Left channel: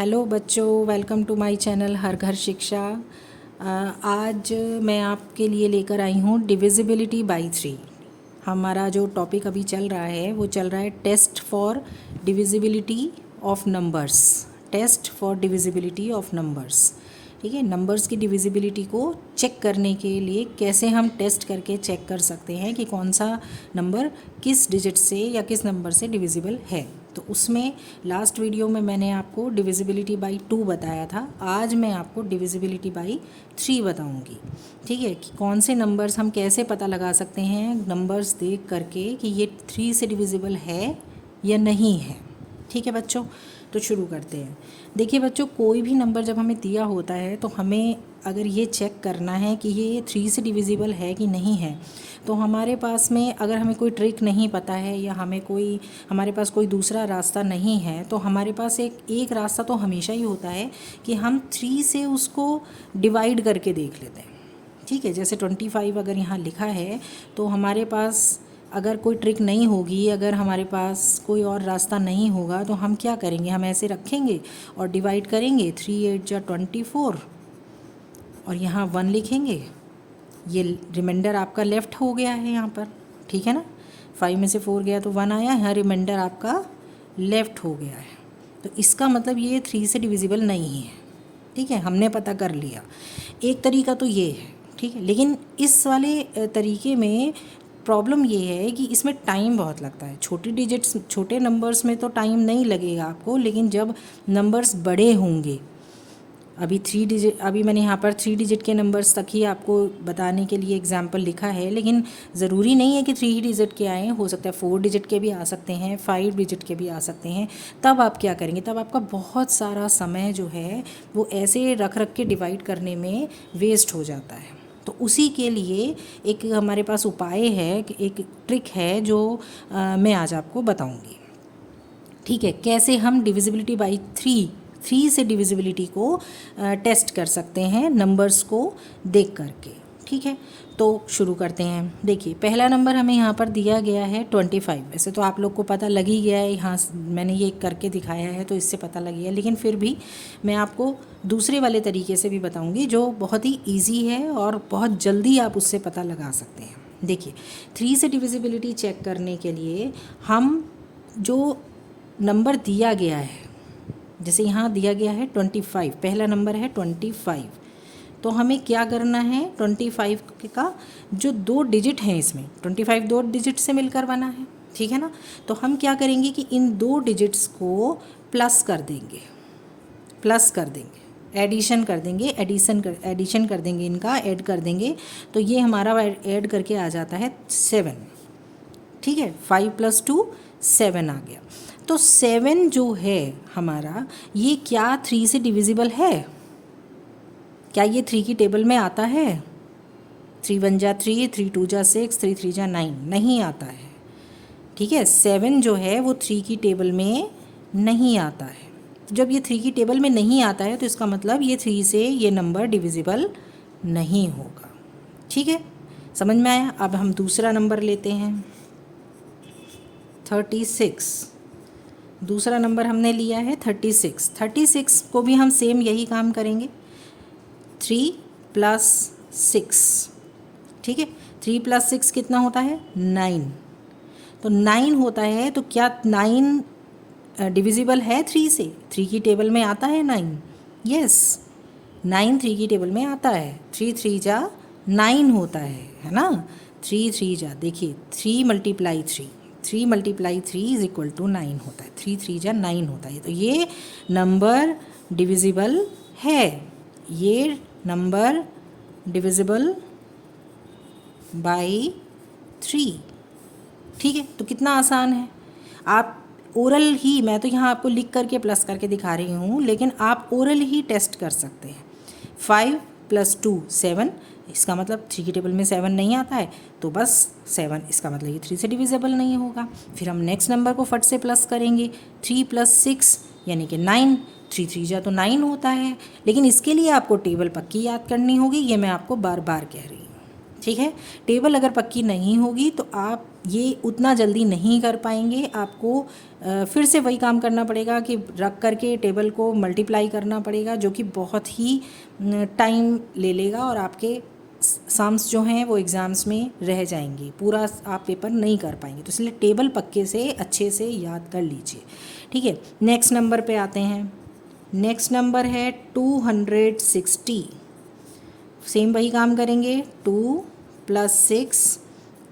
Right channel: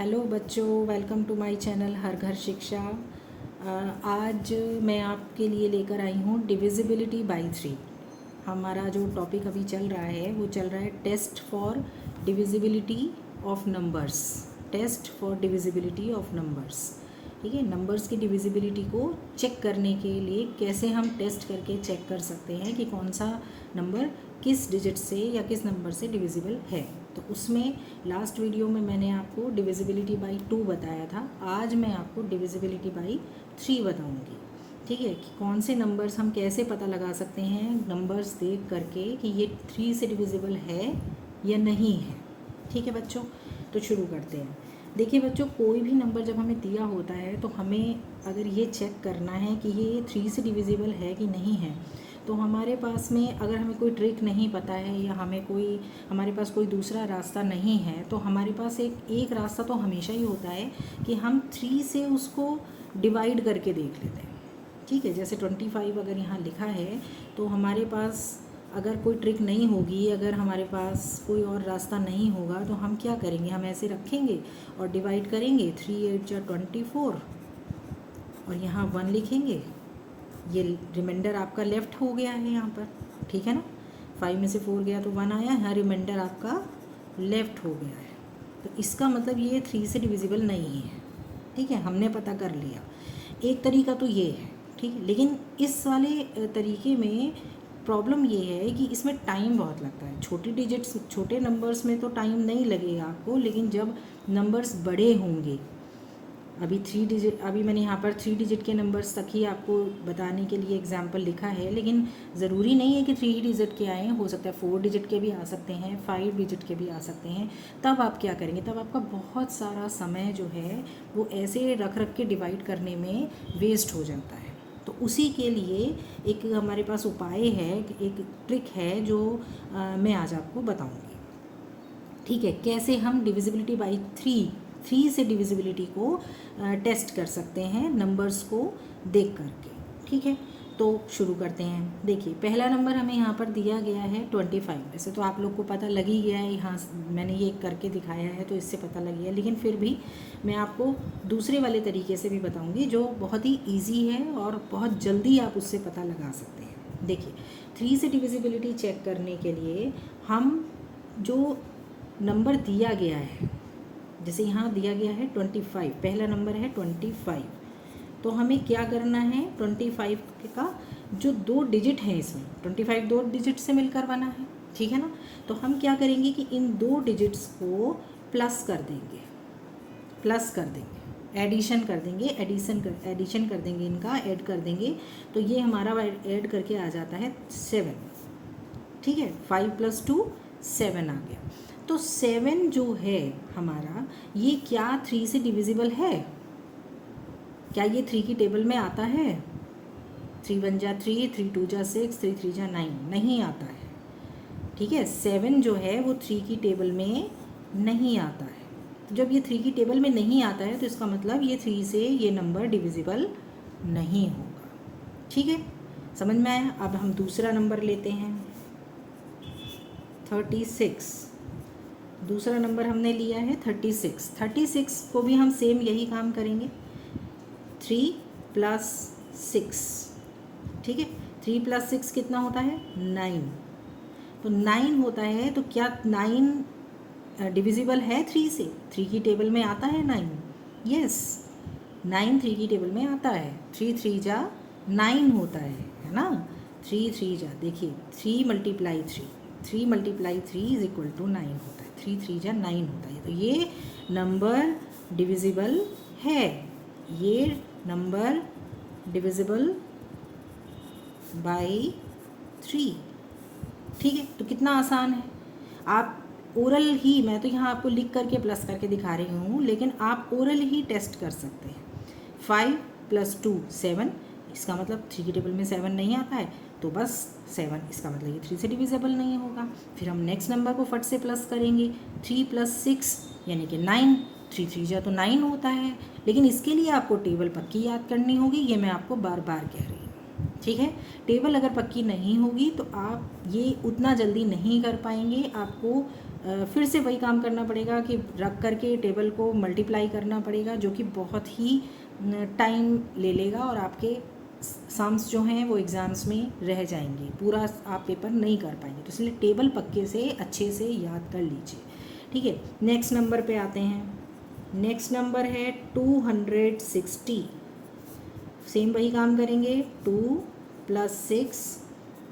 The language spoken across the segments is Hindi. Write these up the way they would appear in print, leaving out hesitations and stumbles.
हेलो बच्चों, वेलकम टू माय चैनल हर घर शिक्षा। आज मैं आपके लिए लेकर आई हूँ डिविजिबिलिटी बाय 3। हमारा जो टॉपिक अभी चल रहा है वो चल रहा है test for divisibility of numbers. Test for divisibility of numbers, ठीक है। नंबर्स की डिविजिबिलिटी को चेक करने के लिए कैसे हम टेस्ट करके चेक कर सकते हैं कि कौन सा नंबर किस डिजिट से या किस नंबर से डिविजिबल है। तो उसमें लास्ट वीडियो में मैंने आपको डिविजिबिलिटी बाय 2 बताया था। आज मैं आपको डिविजिबिलिटी बाय 3 बताऊंगी, ठीक है। कि कौन से नंबर्स हम कैसे पता लगा सकते हैं नंबर्स देख करके कि ये 3 से डिविजिबल है या नहीं है, ठीक है बच्चों। तो शुरू करते हैं। देखिए बच्चों, कोई भी नंबर जब हमें दिया होता है तो हमें अगर ये चेक करना है कि ये 3 से डिविजिबल है कि नहीं है, तो हमारे पास में अगर हमें कोई ट्रिक नहीं पता है या हमारे पास कोई दूसरा रास्ता नहीं है, तो हमारे पास एक रास्ता तो हमेशा ही होता है कि हम 3 से उसको डिवाइड करके देख लेते हैं, ठीक है। जैसे 25 अगर यहाँ लिखा है तो हमारे पास अगर कोई ट्रिक नहीं होगी, अगर हमारे पास कोई और रास्ता नहीं होगा, तो हम क्या करेंगे, हम ऐसे रखेंगे और डिवाइड करेंगे। 3 8 जा 24 और यहाँ 1 लिखेंगे। ये रिमाइंडर आपका लेफ़्ट हो गया है यहाँ पर, ठीक है ना। 5 में से 4 गया तो 1 आया, यहाँ रिमाइंडर आपका लेफ़्ट हो गया है। तो इसका मतलब ये 3 से डिविजिबल नहीं है, ठीक है। हमने पता कर लिया। एक तरीका तो ये है, ठीक है। लेकिन इस वाले तरीके में प्रॉब्लम ये है कि इसमें टाइम बहुत लगता है। छोटी डिजिट्स, छोटे नंबर्स में तो टाइम नहीं लगेगा आपको, लेकिन जब नंबर्स बड़े होंगे, अभी मैंने यहाँ पर 3 डिजिट के नंबर्स तक ही आपको बताने के लिए एग्जाम्पल लिखा है, लेकिन ज़रूरी नहीं है कि 3 डिजिट के आएँ। हो सकता है 4 डिजिट के भी आ सकते हैं, 5 डिजिट के भी आ सकते हैं। तब आप क्या करेंगे, तब आपका बहुत सारा समय जो है वो ऐसे रख रख के डिवाइड करने में वेस्ट हो जाता है। तो उसी के लिए एक हमारे पास उपाय है, एक ट्रिक है जो मैं आज आपको बताऊंगी, ठीक है। कैसे हम डिविजिबिलिटी बाय 3 से डिविजिबिलिटी को टेस्ट कर सकते हैं नंबर्स को देख करके, ठीक है। तो शुरू करते हैं। देखिए, पहला नंबर हमें यहाँ पर दिया गया है 25। वैसे तो आप लोग को पता लग ही गया है, यहाँ मैंने ये करके दिखाया है तो इससे पता लग गया, लेकिन फिर भी मैं आपको दूसरे वाले तरीके से भी बताऊँगी जो बहुत ही ईजी है और बहुत जल्दी आप उससे पता लगा सकते हैं। देखिए, 3 से डिविजिबिलिटी चेक करने के लिए हम जो नंबर दिया गया है, जैसे यहाँ दिया गया है 25, पहला नंबर है 25, तो हमें क्या करना है, 25 का जो 2 डिजिट हैं, इसमें 25 2 डिजिट से मिलकर बना है, ठीक है ना। तो हम क्या करेंगे कि इन 2 डिजिट्स को प्लस कर देंगे, एडिशन कर देंगे, इनका ऐड कर देंगे। तो ये हमारा ऐड करके आ जाता है 7, ठीक है। 5 + 2 7 आ गया। तो 7 जो है हमारा, ये क्या 3 से डिविजिबल है? क्या ये 3 की टेबल में आता है? 3 1 जा 3, 3 2 जा 6, 3 3 जा 9, नहीं आता है, ठीक है। 7 जो है वो 3 की टेबल में नहीं आता है। तो जब ये 3 की टेबल में नहीं आता है तो इसका मतलब ये 3 से ये नंबर डिविजिबल नहीं होगा, ठीक है। समझ में आया। अब हम दूसरा नंबर लेते हैं, 36। दूसरा नंबर हमने लिया है 36 को भी हम सेम यही काम करेंगे, 3 + 6, ठीक है। 3 + 6 कितना होता है? 9। तो 9 होता है, तो क्या 9 डिविजिबल है 3 से? 3 की टेबल में आता है 9? यस, 9 3 की टेबल में आता है। 3 3 जा 9 होता है ना। 3 3 जा, देखिए 3 × 3 × 3 = 9 होता है। 3 3 जा 9 होता है। तो ये नंबर डिविजिबल है, ये नंबर डिविजिबल बाय 3, ठीक है। तो कितना आसान है। आप ओरल ही, मैं तो यहाँ आपको लिख करके प्लस करके दिखा रही हूँ, लेकिन आप ओरल ही टेस्ट कर सकते हैं। 5 + 2 7, इसका मतलब 3 की टेबल में 7 नहीं आता है, तो बस 7, इसका मतलब ये 3 से डिविजिबल नहीं होगा। फिर हम नेक्स्ट नंबर को फट से प्लस करेंगे, 3 + 6 यानी कि 9, 3 3 जा तो 9 होता है। लेकिन इसके लिए आपको टेबल पक्की याद करनी होगी, ये मैं आपको बार बार कह रही हूँ, ठीक है। टेबल अगर पक्की नहीं होगी तो आप ये उतना जल्दी नहीं कर पाएंगे। आपको फिर से वही काम करना पड़ेगा कि रख करके टेबल को मल्टीप्लाई करना पड़ेगा, जो कि बहुत ही टाइम ले लेगा और आपके सम्स जो हैं वो एग्ज़ाम्स में रह जाएंगे, पूरा आप पेपर नहीं कर पाएंगे। तो इसलिए टेबल पक्के से अच्छे से याद कर लीजिए, ठीक है। नेक्स्ट नंबर पे आते हैं। नेक्स्ट नंबर है 260। सेम वही काम करेंगे, 2 + 6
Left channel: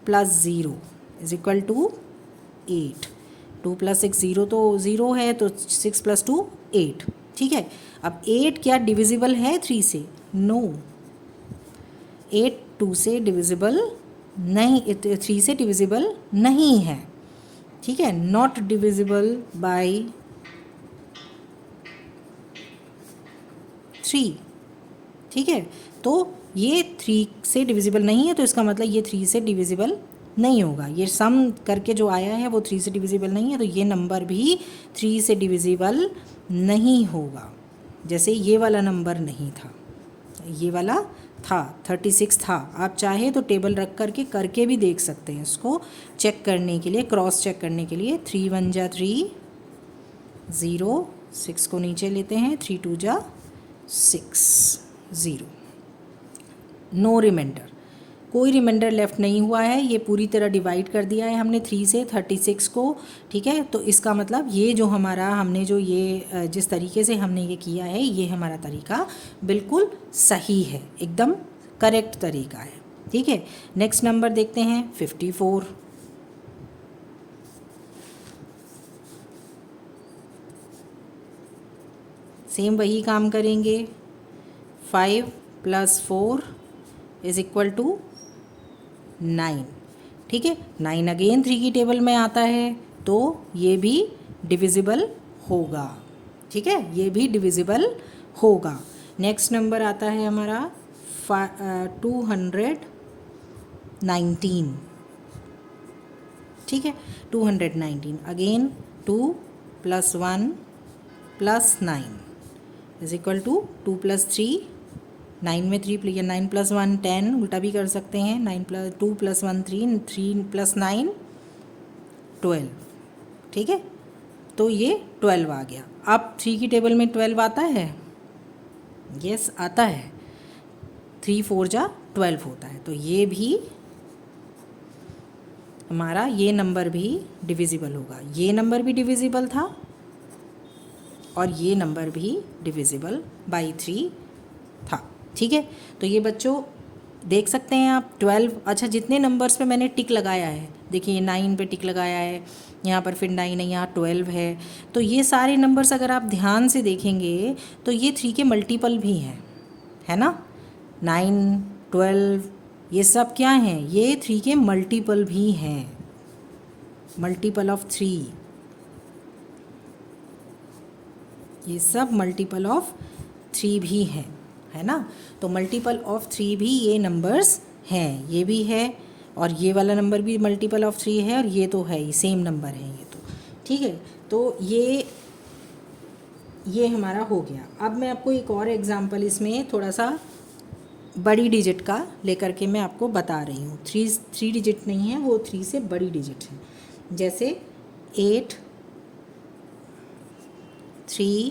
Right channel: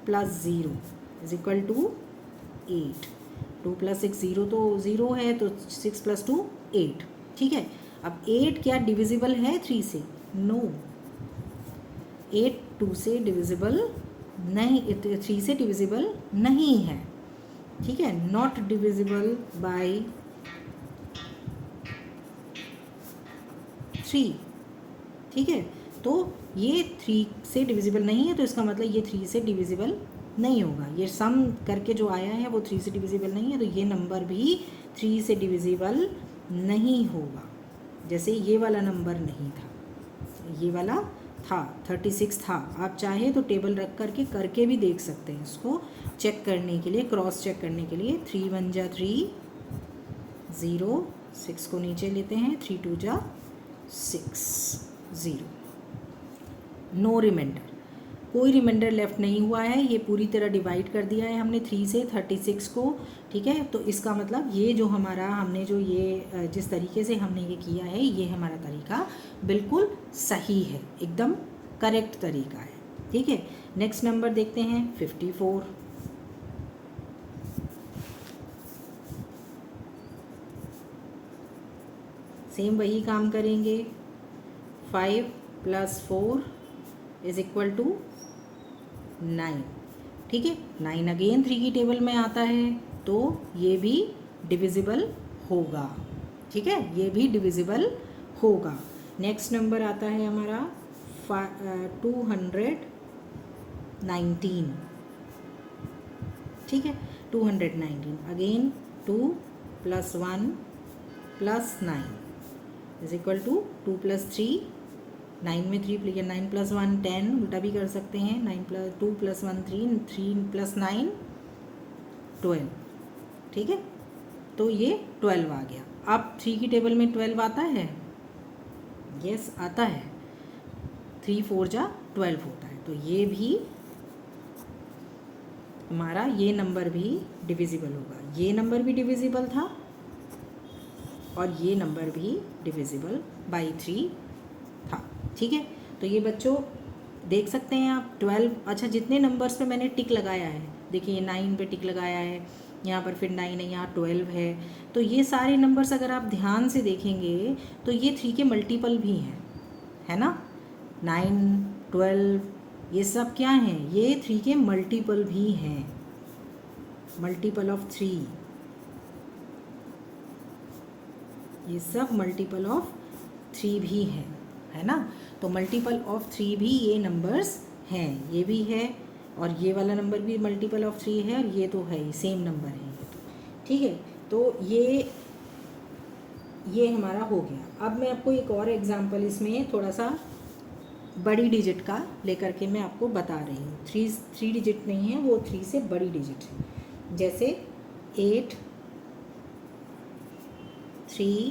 + 0 = 8। 2 + 6 0 तो 0 है, तो 6 + 2 8, ठीक है। अब 8 क्या डिविजिबल है 3 से? नो, 8 2 से डिविजिबल नहीं, 3 से डिविजिबल नहीं है, ठीक है। नॉट डिविजिबल बाय 3, ठीक है। तो ये 3 से डिविजिबल नहीं है, तो इसका मतलब ये 3 से डिविजिबल नहीं होगा। ये सम करके जो आया है वो 3 से डिविजिबल नहीं है, तो ये नंबर भी 3 से डिविजिबल नहीं होगा। जैसे ये वाला नंबर नहीं था, ये वाला था, 36 था। आप चाहे तो टेबल रख करके भी देख सकते हैं, इसको चेक करने के लिए, क्रॉस चेक करने के लिए। 3 1 जा 3, 0, 6 को नीचे लेते हैं, 3 2 जा 6, 0। नो रिमाइंडर, कोई रिमाइंडर लेफ़्ट नहीं हुआ है। ये पूरी तरह डिवाइड कर दिया है हमने 3 से 36 को, ठीक है। तो इसका मतलब ये जो हमारा हमने जो ये जिस तरीके से हमने ये किया है, ये हमारा तरीका बिल्कुल सही है, एकदम करेक्ट तरीका है, ठीक है। नेक्स्ट नंबर देखते हैं 54। सेम वही काम करेंगे, 5 + 4 = 9, ठीक है। 9 अगेन 3 की टेबल में आता है, तो ये भी डिविजिबल होगा, ठीक है, ये भी डिविजिबल होगा। नेक्स्ट नंबर आता है हमारा 219, ठीक है। 219 अगेन 2 + 1 + 9 = 2 + 3, 9 में 3 या 9 + 1 10, उल्टा भी कर सकते हैं। 2 + 1 3, 3 + 9 12, ठीक है। तो ये 12 आ गया। अब 3 की टेबल में 12 आता है, यस आता है। 3 4 जा 12 होता है, तो ये भी हमारा ये नंबर भी डिविजिबल होगा। ये नंबर भी डिविजिबल था और ये नंबर भी डिविजिबल बाई 3 था, ठीक है। तो ये बच्चों देख सकते हैं आप 12, अच्छा जितने नंबर्स पे मैंने टिक लगाया है, देखिए 9 पे टिक लगाया है, यहाँ पर फिर 9 है, यहाँ 12 है। तो ये सारे नंबर्स अगर आप ध्यान से देखेंगे तो ये 3 के मल्टीपल भी हैं, है ना। 9 12 ये सब क्या हैं? ये 3 के मल्टीपल भी हैं, मल्टीपल ऑफ 3, ये सब मल्टीपल ऑफ 3 भी है ना। तो मल्टीपल ऑफ 3 भी ये नंबर्स हैं, ये भी है और ये वाला नंबर भी मल्टीपल ऑफ 3 है और ये तो है ही, सेम नंबर है ये तो, ठीक है। तो ये हमारा हो गया। अब मैं आपको एक और एग्जांपल इसमें थोड़ा सा बड़ी डिजिट का लेकर के मैं आपको बता रही हूँ। 3 डिजिट नहीं है, वो 3 से बड़ी डिजिट है। जैसे 8 3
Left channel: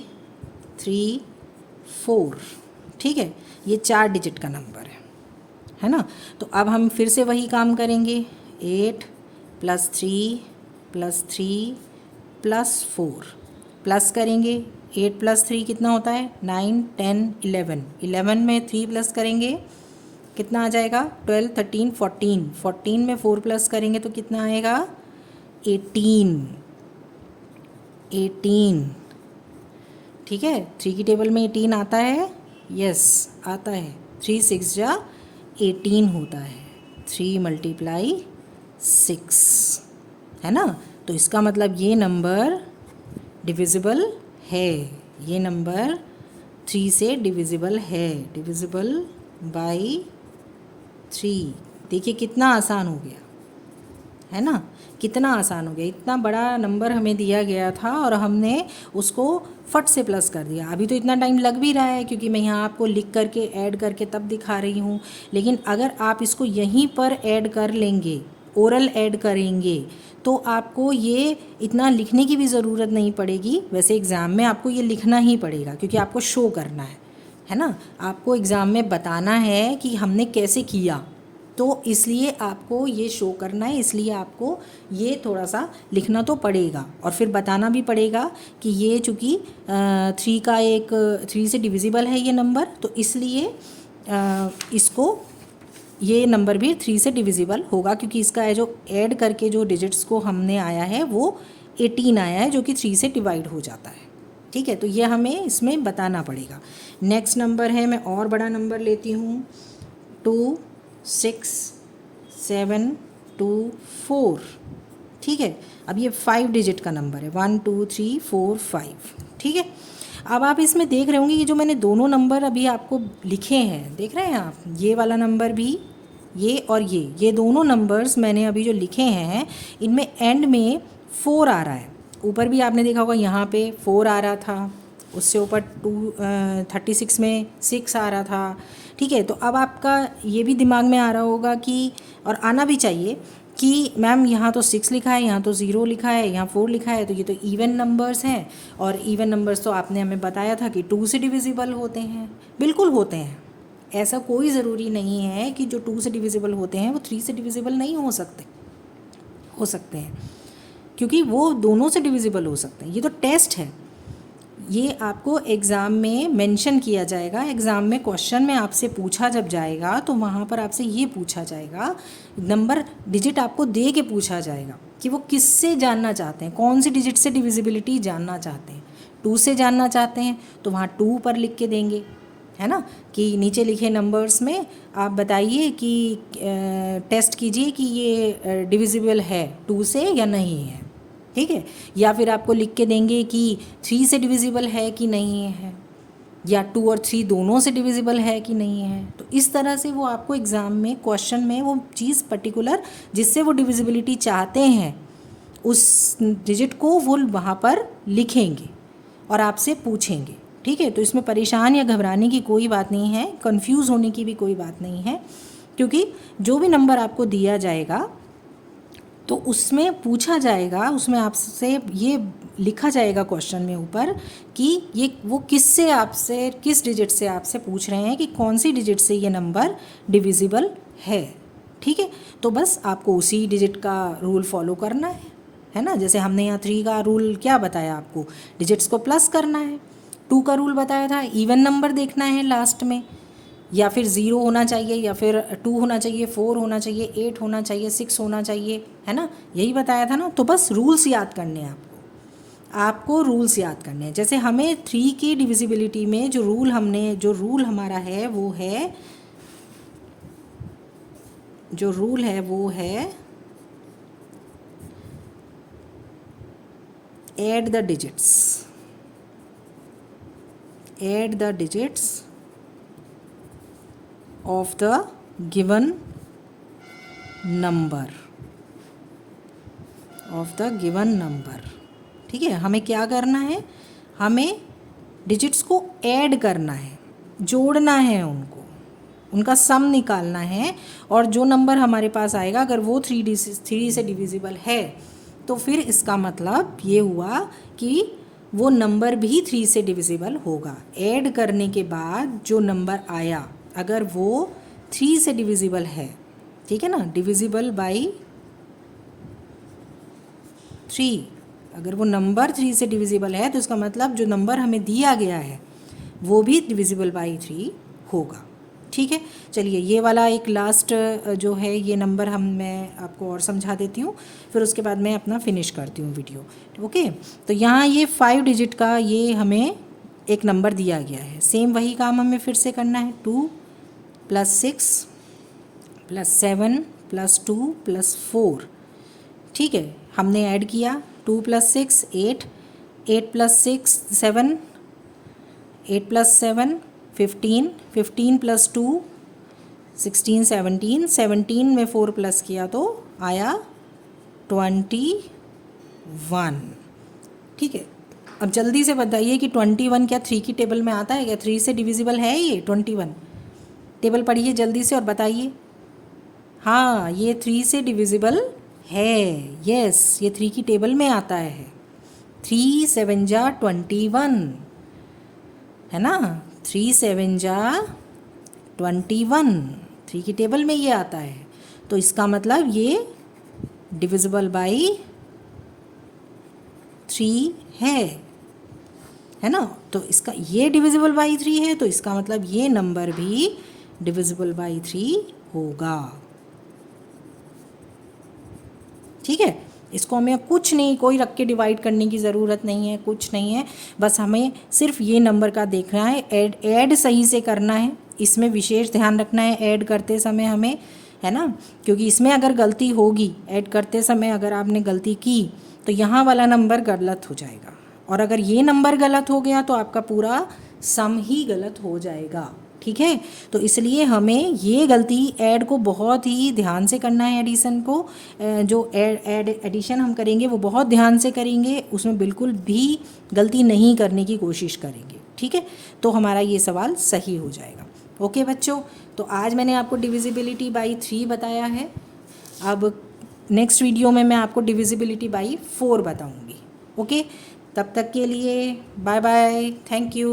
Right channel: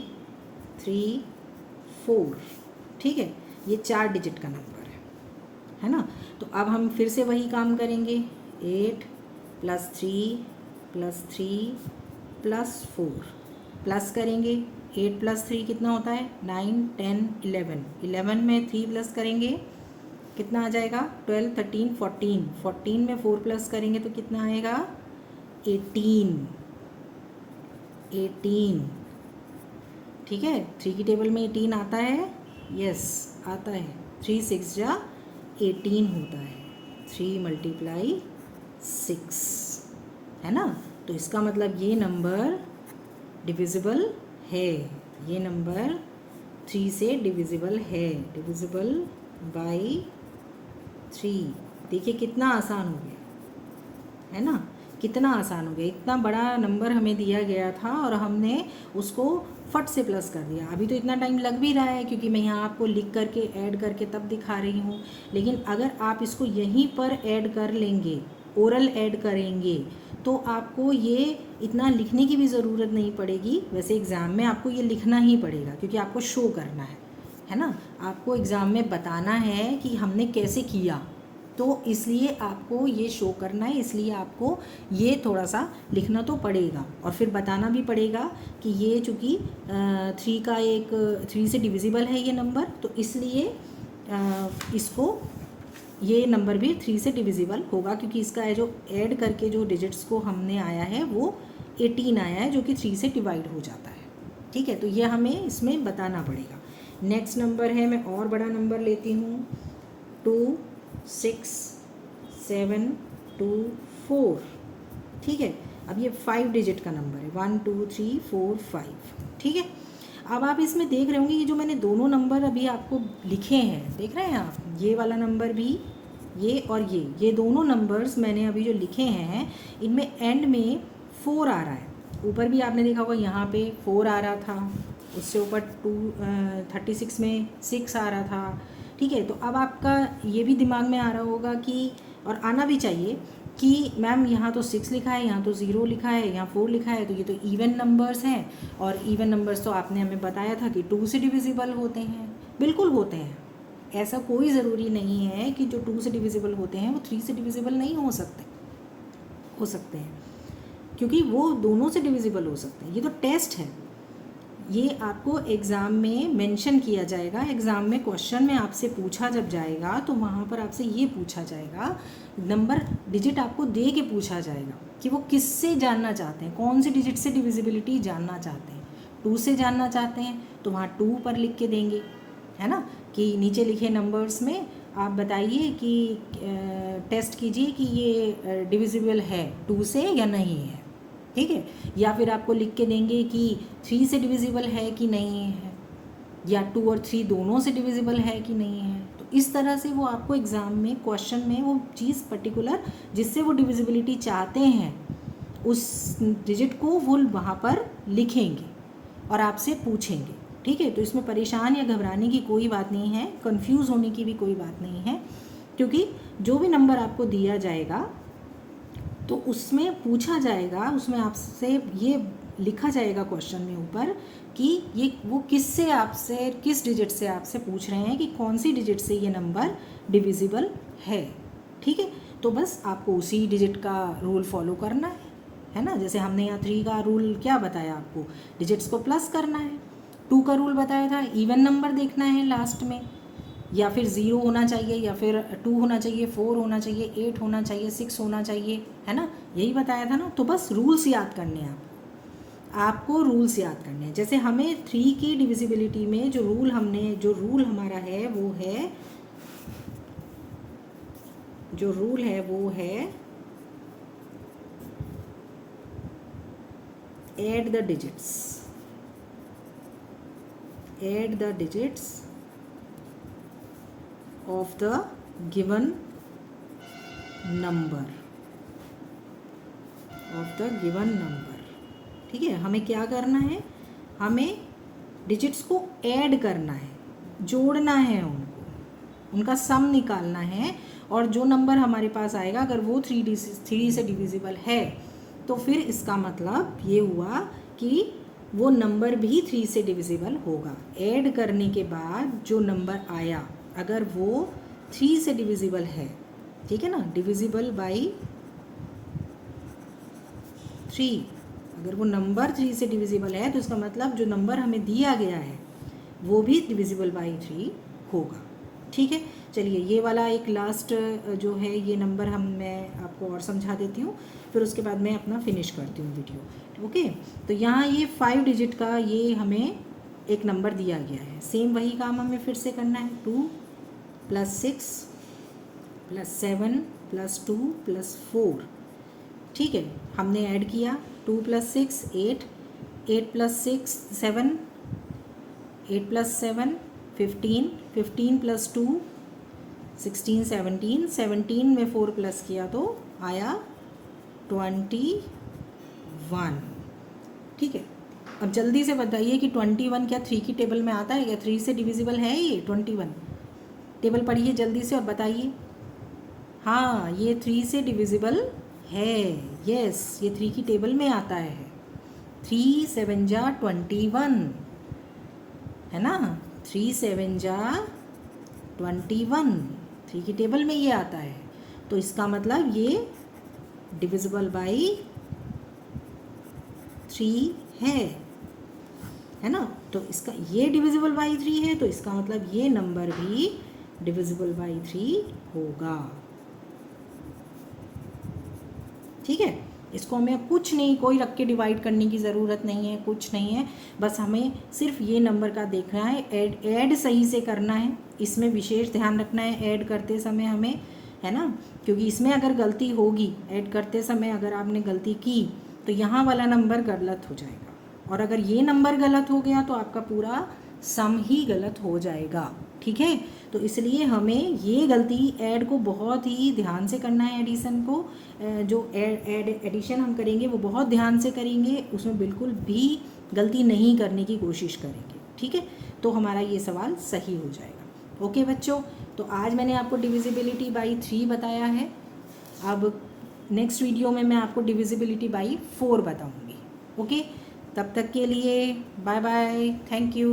3 4, ठीक है, ये 4 डिजिट का नंबर है ना। तो अब हम फिर से वही काम करेंगे, 8 + 3 + 3 + 4 प्लस करेंगे। 8 + 3 कितना होता है? 9 10 11, 11 में 3 प्लस करेंगे कितना आ जाएगा? 12 13 14, 14 में 4 प्लस करेंगे तो कितना आएगा? 18, 18, ठीक है। 3 की टेबल में 18 आता है, यस आता है। 3 6 जा 18 होता है, 3 × 6, है ना। तो इसका मतलब ये नंबर डिविजिबल है, ये नंबर 3 से डिविजिबल है, डिविजिबल बाई 3। देखिए कितना आसान हो गया, है ना, कितना आसान हो गया। इतना बड़ा नंबर हमें दिया गया था और हमने उसको फट से प्लस कर दिया। अभी तो इतना टाइम लग भी रहा है क्योंकि मैं यहाँ आपको लिख करके ऐड करके तब दिखा रही हूँ, लेकिन अगर आप इसको यहीं पर ऐड कर लेंगे ओरल ऐड करेंगे तो आपको ये इतना लिखने की भी ज़रूरत नहीं पड़ेगी। वैसे एग्ज़ाम में आपको ये लिखना ही पड़ेगा क्योंकि आपको शो करना है ना, आपको एग्ज़ाम में बताना है कि हमने कैसे किया, तो इसलिए आपको ये शो करना है, इसलिए आपको ये थोड़ा सा लिखना तो पड़ेगा और फिर बताना भी पड़ेगा कि ये चूँकि 3 से डिविजिबल है ये नंबर, तो इसलिए इसको ये नंबर भी 3 से डिविजिबल होगा क्योंकि इसका है जो ऐड करके जो डिजिट्स को हमने आया है वो 18 आया है जो कि 3 से डिवाइड हो जाता है। ठीक है, तो ये हमें इसमें बताना पड़ेगा। नेक्स्ट नंबर है, मैं और बड़ा नंबर लेती हूँ, 2 6 7 2 4। ठीक है, अब ये 5 डिजिट का नंबर है, 1 2 3 4 5। ठीक है, अब आप इसमें देख रहे होंगे ये जो मैंने दोनों नंबर अभी आपको लिखे हैं, देख रहे हैं आप, ये वाला नंबर भी, ये और ये दोनों नंबर्स मैंने अभी जो लिखे हैं इनमें एंड में 4 आ रहा है। ऊपर भी आपने देखा होगा यहाँ पे 4 आ रहा था, उससे ऊपर 36 में 6 आ रहा था। ठीक है, तो अब आपका ये भी दिमाग में आ रहा होगा कि, और आना भी चाहिए कि मैम यहाँ तो 6 लिखा है, यहाँ तो 0 लिखा है, यहाँ 4 लिखा है, तो ये तो इवन नंबर्स हैं, और इवन नंबर्स तो आपने हमें बताया था कि 2 से डिविजिबल होते हैं। बिल्कुल होते हैं, ऐसा कोई ज़रूरी नहीं है कि जो 2 से डिविजिबल होते हैं वो 3 से डिविजिबल नहीं हो सकते हैं, क्योंकि वो दोनों से डिविजिबल हो सकते हैं। ये तो टेस्ट है, ये आपको एग्ज़ाम में मेंशन किया जाएगा। एग्ज़ाम में क्वेश्चन में आपसे पूछा जब जाएगा तो वहाँ पर आपसे ये पूछा जाएगा, नंबर डिजिट आपको दे के पूछा जाएगा कि वो किससे जानना चाहते हैं, कौन सी डिजिट से डिविजिबिलिटी जानना चाहते हैं। 2 से जानना चाहते हैं तो वहाँ 2 पर लिख के देंगे, है ना, कि नीचे लिखे नंबर्स में आप बताइए कि टेस्ट कीजिए कि ये डिविजिबल है 2 से या नहीं है। ठीक है, या फिर आपको लिख के देंगे कि 3 से डिविजिबल है कि नहीं है, या 2 और 3 दोनों से डिविजिबल है कि नहीं है। तो इस तरह से वो आपको एग्ज़ाम में क्वेश्चन में वो चीज़ पर्टिकुलर जिससे वो डिविजिबिलिटी चाहते हैं उस डिजिट को वो वहाँ पर लिखेंगे और आपसे पूछेंगे। ठीक है, तो इसमें परेशान या घबराने की कोई बात नहीं है, कंफ्यूज होने की भी कोई बात नहीं है, क्योंकि जो भी नंबर आपको दिया जाएगा तो उसमें पूछा जाएगा, उसमें आपसे ये लिखा जाएगा क्वेश्चन में ऊपर कि ये वो किससे आपसे, किस डिजिट से आपसे पूछ रहे हैं कि कौन सी डिजिट से ये नंबर डिविजिबल है। ठीक है, तो बस आपको उसी डिजिट का रूल फॉलो करना है ना। जैसे हमने यहाँ 3 का रूल क्या बताया आपको, डिजिट्स को प्लस करना है। 2 का रूल बताया था, इवन नंबर देखना है लास्ट में, या फिर 0 होना चाहिए, या फिर 2 होना चाहिए, 4 होना चाहिए, 8 होना चाहिए, 6 होना चाहिए, है ना, यही बताया था ना। तो बस रूल्स याद करने हैं आपको रूल्स याद करने हैं। जैसे हमें 3 की डिविजिबिलिटी में जो रूल हमारा है वो है, जो रूल है वो है add the digits of the given number ठीक है, हमें क्या करना है, हमें डिजिट्स को ऐड करना है, जोड़ना है, उनका सम निकालना है, और जो नंबर हमारे पास आएगा अगर वो 3 से डिविजिबल है तो फिर इसका मतलब ये हुआ कि वो नंबर भी 3 से डिविजिबल होगा। ऐड करने के बाद जो नंबर आया अगर वो 3 से डिविजिबल है, ठीक है ना, डिविजिबल बाई 3, अगर वो नंबर 3 से डिविजिबल है तो इसका मतलब जो नंबर हमें दिया गया है वो भी डिविजिबल बाई 3 होगा। ठीक है, चलिए ये वाला एक लास्ट जो है ये नंबर मैं आपको और समझा देती हूँ, फिर उसके बाद मैं अपना फिनिश करती हूँ वीडियो। ओके, तो यहाँ ये 5 डिजिट का ये हमें एक नंबर दिया गया है, सेम वही काम हमें फिर से करना है, 2 + 6 + 7 + 2 + 4। ठीक है, हमने ऐड किया 2 + 6 8, 8 + 6 7, 8 + 7 15, 15 + 2 16 17, 17 में 4 प्लस किया तो आया 21। ठीक है, अब जल्दी से बताइए कि 21 क्या 3 की टेबल में आता है क्या, 3 से डिविजिबल है ये 21? टेबल पढ़िए जल्दी से और बताइए। हाँ, ये 3 से डिविजिबल है। यस, ये 3 की टेबल में आता है। 3 7 जा 21, है ना। 3 7 जा 21, 3 की टेबल में ये आता है। तो इसका मतलब ये डिविजिबल बाई 3 है ना। तो इसका ये डिविजिबल बाई 3 है, तो इसका मतलब ये नंबर भी डिविजिबल बाई 3 होगा। ठीक है, इसको हमें कुछ नहीं, कोई रख के डिवाइड करने की ज़रूरत नहीं है, कुछ नहीं है। बस हमें सिर्फ ये नंबर का देखना है, ऐड सही से करना है। इसमें विशेष ध्यान रखना है ऐड करते समय हमें, है ना। क्योंकि इसमें अगर गलती होगी, ऐड करते समय अगर आपने गलती की तो यहाँ वाला नंबर गलत हो जाएगा, और अगर ये नंबर गलत हो गया तो आपका पूरा सम ही गलत हो जाएगा। ठीक है, तो इसलिए हमें ये गलती ऐड को बहुत ही ध्यान से करना है। एडिशन को जो एडिशन हम करेंगे वो बहुत ध्यान से करेंगे, उसमें बिल्कुल भी गलती नहीं करने की कोशिश करेंगे। ठीक है, तो हमारा ये सवाल सही हो जाएगा। ओके बच्चों, तो आज मैंने आपको डिविजिबिलिटी बाई 3 बताया है। अब नेक्स्ट वीडियो में मैं आपको डिविजिबिलिटी बाई 4 बताऊंगी। ओके, तब तक के लिए बाय बाय, थैंक यू।